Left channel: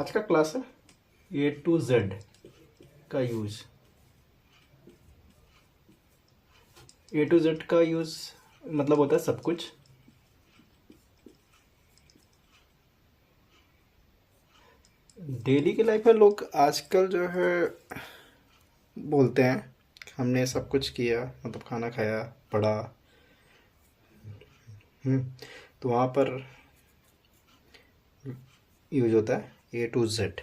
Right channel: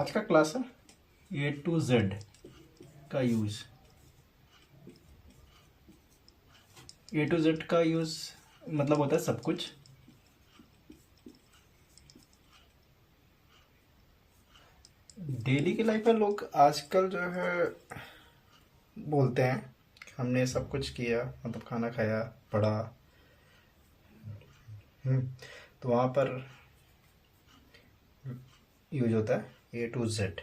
आज का क्लास है ए टू जेड का यूज। ए टू जेड का यूज मतलब होता है सब कुछ। डेली की लाइफ में लोग आजकल जो है बोलते हैं कि हमने सब कुछ किया, मतलब खाना खाया, पढ़ा। हम्म, तो वहाँ पर यूज होता है ए टू जेड।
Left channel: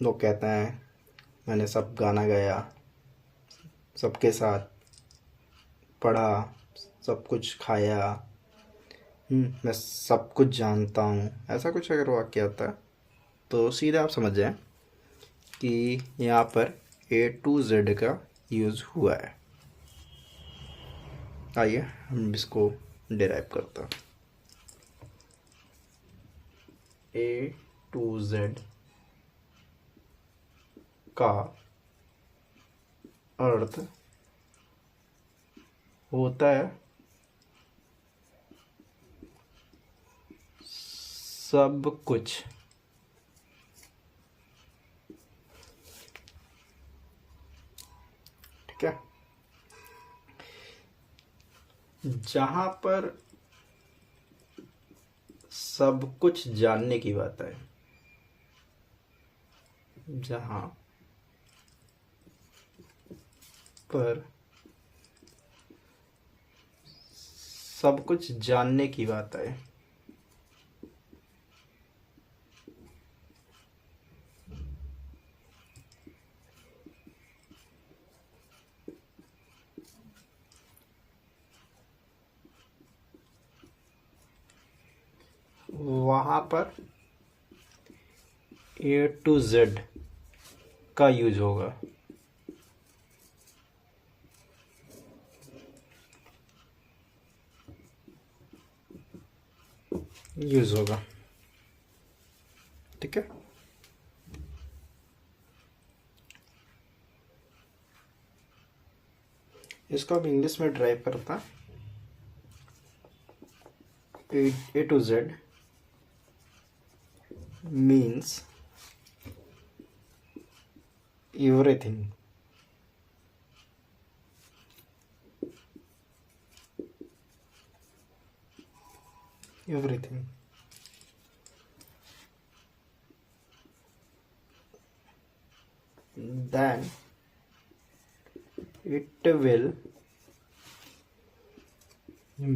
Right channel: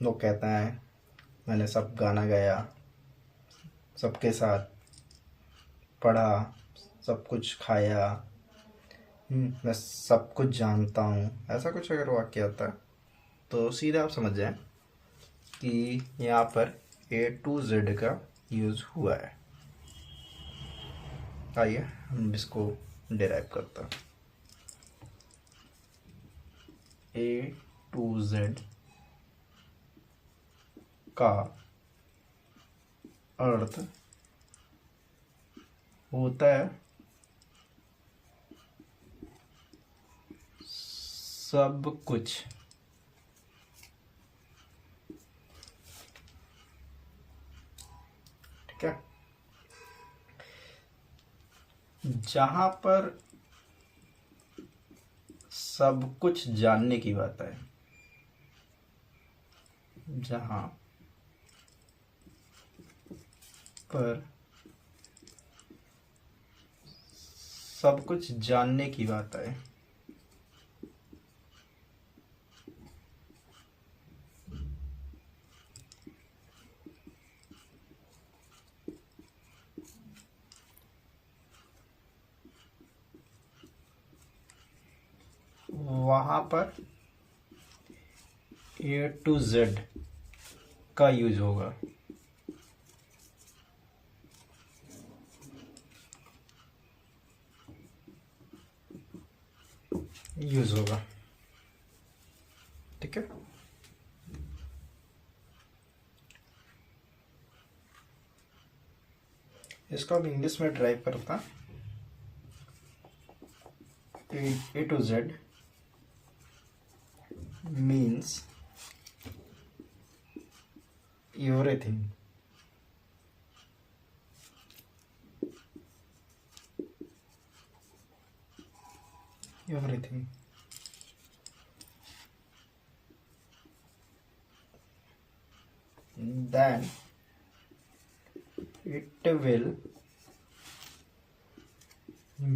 लोग कहते हैं मैंने सब गाना गाया, सबके साथ पढ़ा, सब कुछ खाया। मैं सब कुछ जानता हूँ, ऐसा कुछ अगर वाक्य आता है तो सीधा आप समझ जाएं कि यहाँ पर ए टू जेड का यूज हुआ है। आइए हम इसको डिराइव करते हैं। ए टू जेड का अर्थ होता है सब कुछ। ठीक है, जहां पर सब कुछ जानने की बात है, जहां पर सब कुछ जानने की बात है, वहां पर ए टू जेड का यूज होगा। यूज होगा, ठीक है। इसको अब इंग्लिश में ड्राइव करता। A to Z means everything. Everything then it will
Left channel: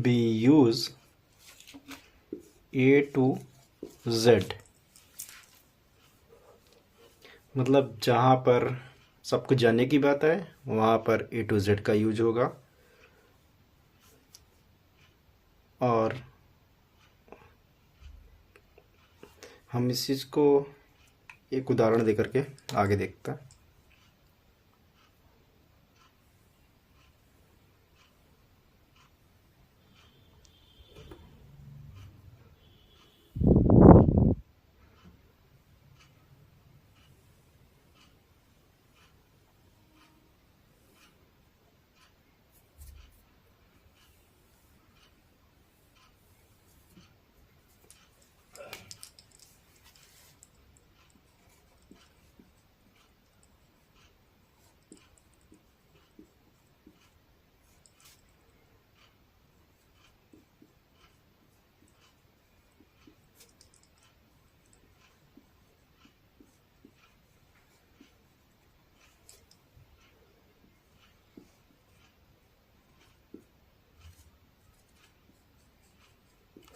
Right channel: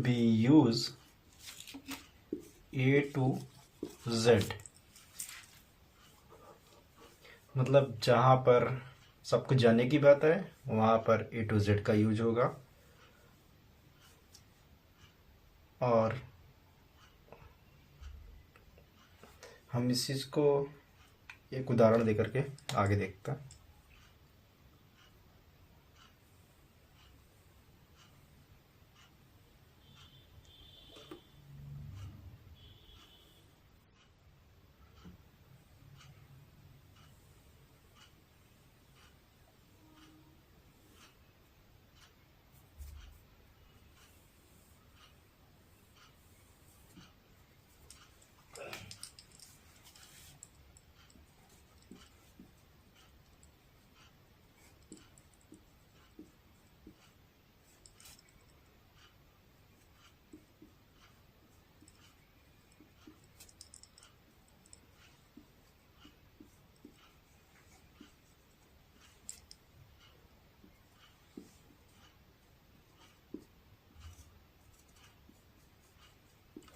be used A to Z। मतलब जहाँ पर सब कुछ जानने की बात है वहाँ पर ए टू जेड का यूज होगा। और हम इस चीज़ को एक उदाहरण देकर के आगे देखते हैं।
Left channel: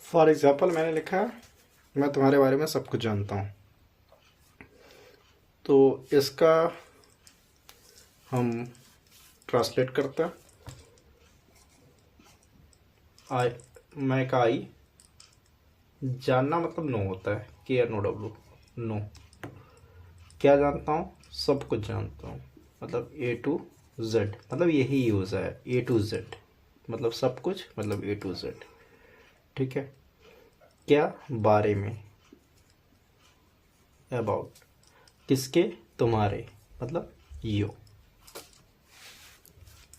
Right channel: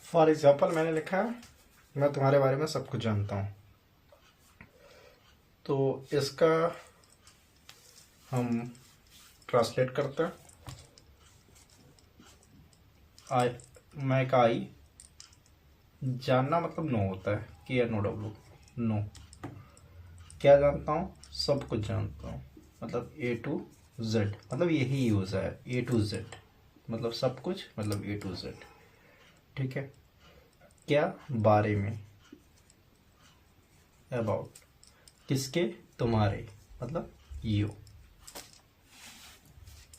फॉर एग्जाम्पल मैंने लिखा है मैं तुम्हारे बारे में सब कुछ जानता हूँ। तो इसका हम ट्रांसलेट करते हैं। आई, मैं का आई, जानना मतलब नो होता है, के आर नो डब्लू, नो। क्या जानता हूँ? सब कुछ जानता हूँ। मतलब ए टू जेड, मतलब यही यूज़ है ए टू जेड, मतलब सब कुछ, मतलब ए टू जेड। ठीक है। क्या? बारे में, अबाउट। किसके? तुम्हारे, मतलब यू।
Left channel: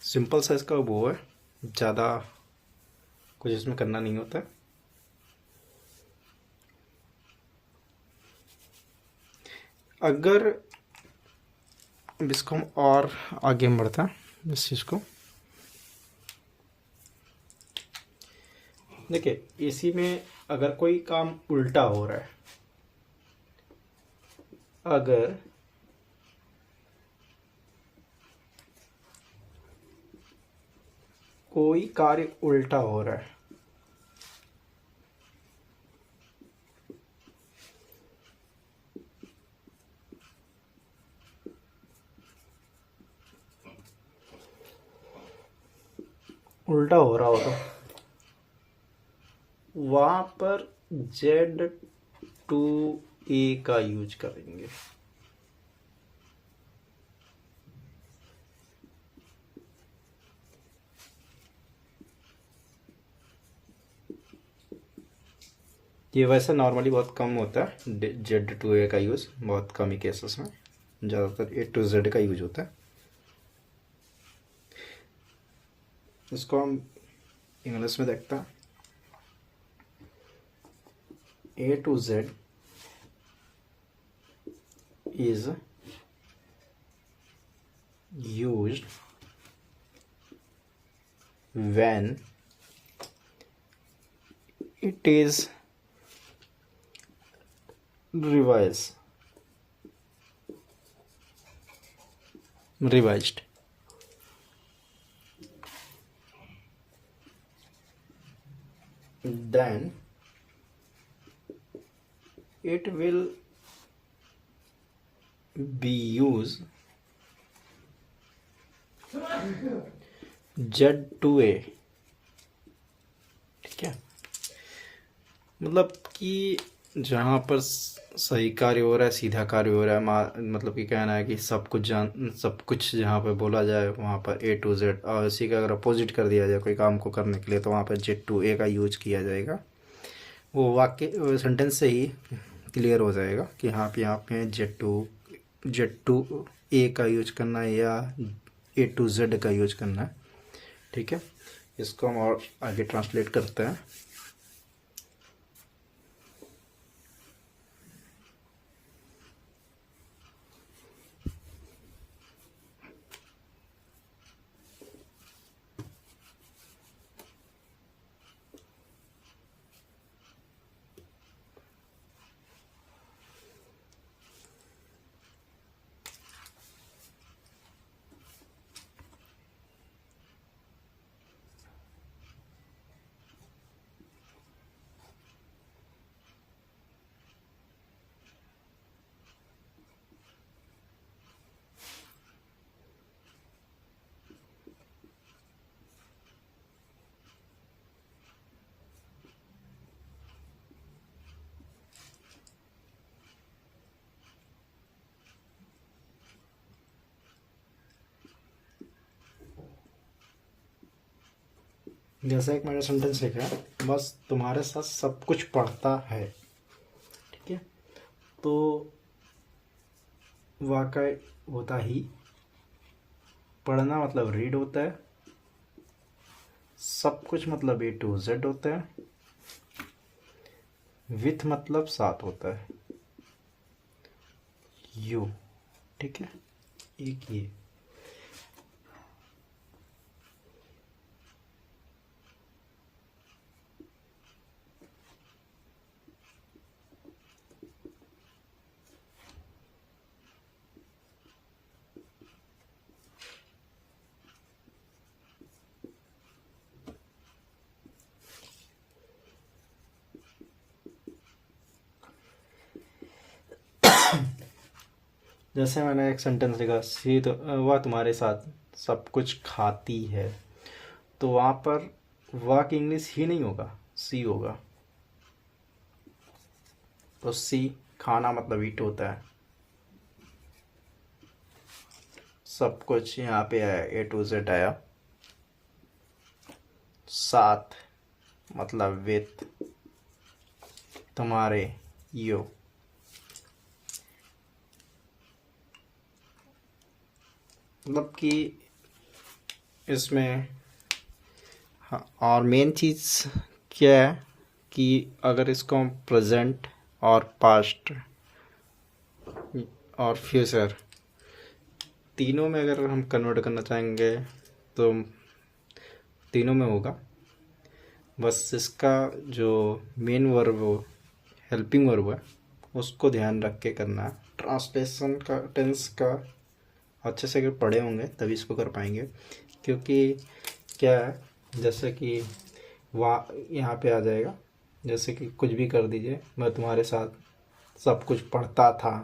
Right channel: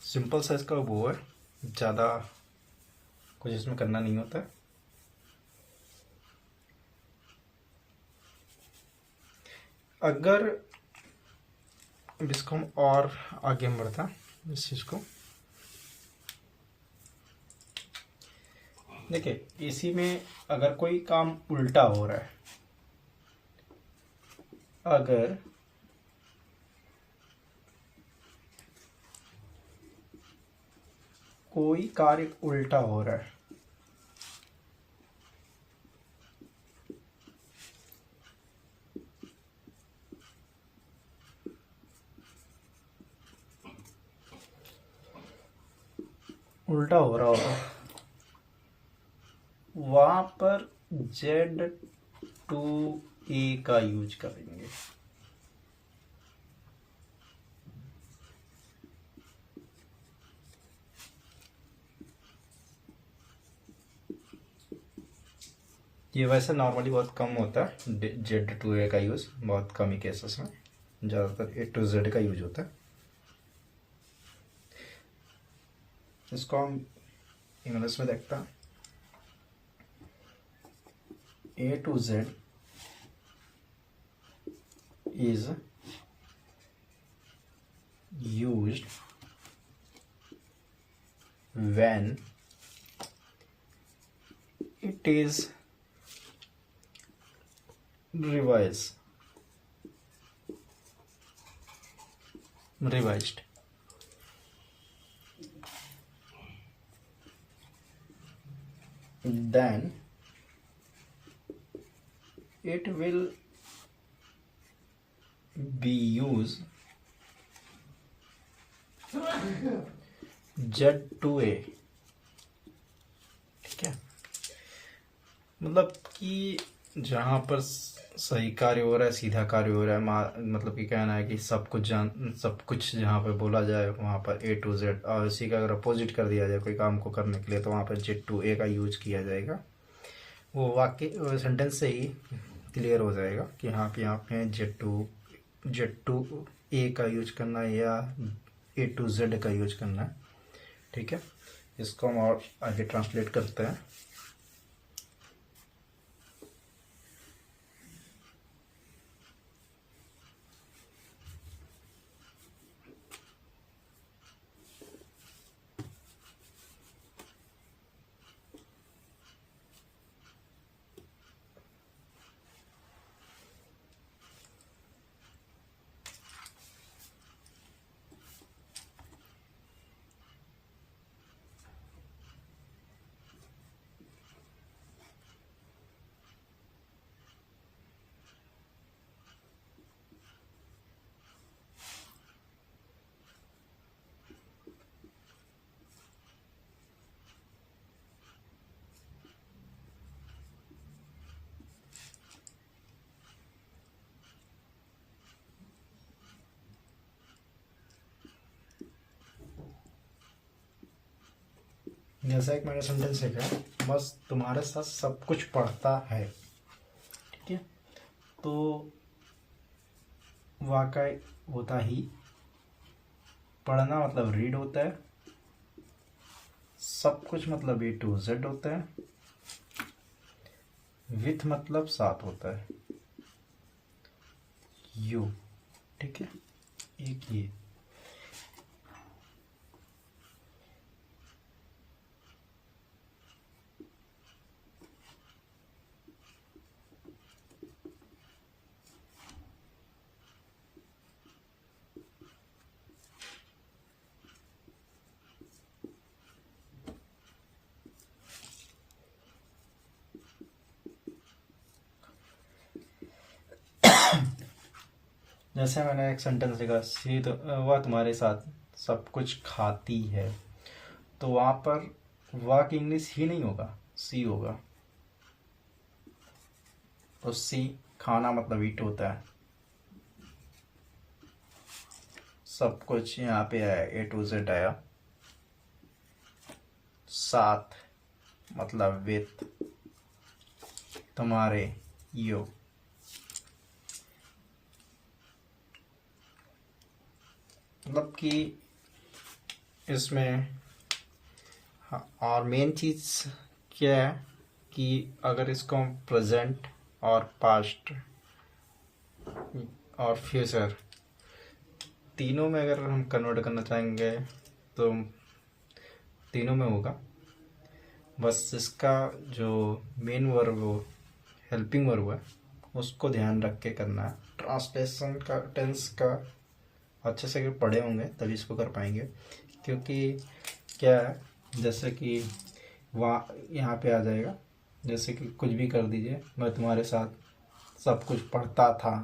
सिंपल सा इसका वो है, ज़्यादा कुछ इसमें करना नहीं होता है। अगर अब इसको हम और आगे हम बढ़ता है इस चीज़ को। देखिए, इसी में अगर कोई काम उल्टा हो रहा है, अगर कोई कार्य उल्टा हो रहा है, उल्टा हो रहा होगा, वहां पर Z2A का यूज करेंगे। ये वैसे नॉर्मली बहुत कम होता है Z2A का यूज़, बहुत कम ही केसेस में, ज़्यादातर A to Z का यूज होता है। इसको हम इंग्लिश में देखते हैं। A to Z is used when it is revised then it will be used Z2A। ठीक है, मतलब कि जहाँ पर सही कार्य हो रहा है, सीधा कार्य हो रहा है, मतलब कि कहना है कि सब कुछ जहाँ पे बोला जाए वहाँ पर A to Z, और इसी का अगर अपोजिट कर दिया जाए कोई काम को करने के लिए तो वहाँ पर Z2A का यूज किया जाएगा। वो वाक्य सेंटेंस से ही क्लियर हो जाएगा कि हाँ पे यहाँ पे Z2A का यूज करना है या A to Z का यूज करना है। ठीक है, इसको हम और आगे ट्रांसलेट करते हैं। जैसा एक मैंने सेंटेंस लिखा है, बस तुम्हारे साथ सब कुछ पढ़ता है। ठीक है, तो वाकई होता ही, पढ़ना मतलब रीड होता है, सब कुछ मतलब A to Z होता है, विथ मतलब साथ होता है, यू। ठीक है, एक ये जैसे मैंने एक सेंटेंस लिखा, सी तो वह तुम्हारे साथ सब कुछ खाती है, तो वहाँ पर वह की इंग्लिश ही नहीं होगा, सी होगा। तो सी खाना मतलब ईट होता है, सब कुछ यहाँ पे आया, A to Z आया, साथ मतलब विथ, तुम्हारे यो, मतलब कि इसमें हाँ, और मेन चीज़ क्या है कि अगर इसको हम प्रेजेंट और पास्ट और फ्यूचर तीनों में अगर हम कन्वर्ट करना चाहेंगे तो तीनों में होगा। बस इसका जो मेन वर्ब हो, हेल्पिंग वर्ब है, उसको ध्यान रख के करना है। ट्रांसलेशन का टेंस का अच्छे से अगर पढ़े होंगे तभी इसको कर पाएंगे, क्योंकि क्या है, जैसे कि वहाँ यहाँ पे आ जाएगा, जैसे कि कुछ भी कर दीजिए, मैं तुम्हारे साथ सब कुछ पढ़ता था।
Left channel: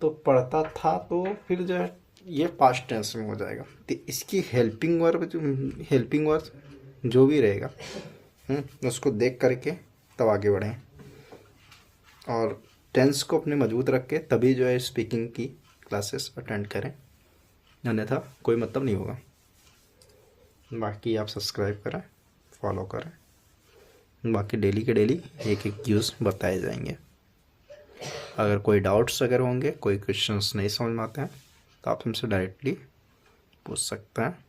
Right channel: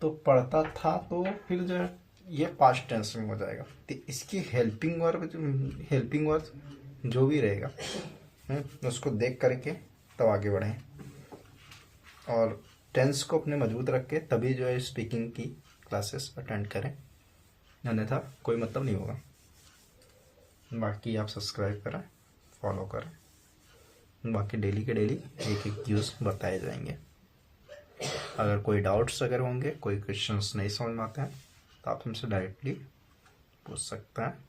तो पढ़ता था तो फिर जो है ये पास्ट टेंस में हो जाएगा। तो इसकी हेल्पिंग वर्ब जो भी रहेगा उसको देख करके तब आगे बढ़ें, और टेंस को अपने मजबूत रख के तभी जो है स्पीकिंग की क्लासेस अटेंड करें, अन्यथा कोई मतलब नहीं होगा। बाकी आप सब्सक्राइब करें, फॉलो करें, बाकी डेली के डेली एक एक यूज़ बताए जाएंगे। अगर कोई डाउट्स अगर होंगे, कोई क्वेश्चंस नहीं समझ में आते हैं तो आप हमसे डायरेक्टली पूछ सकते हैं।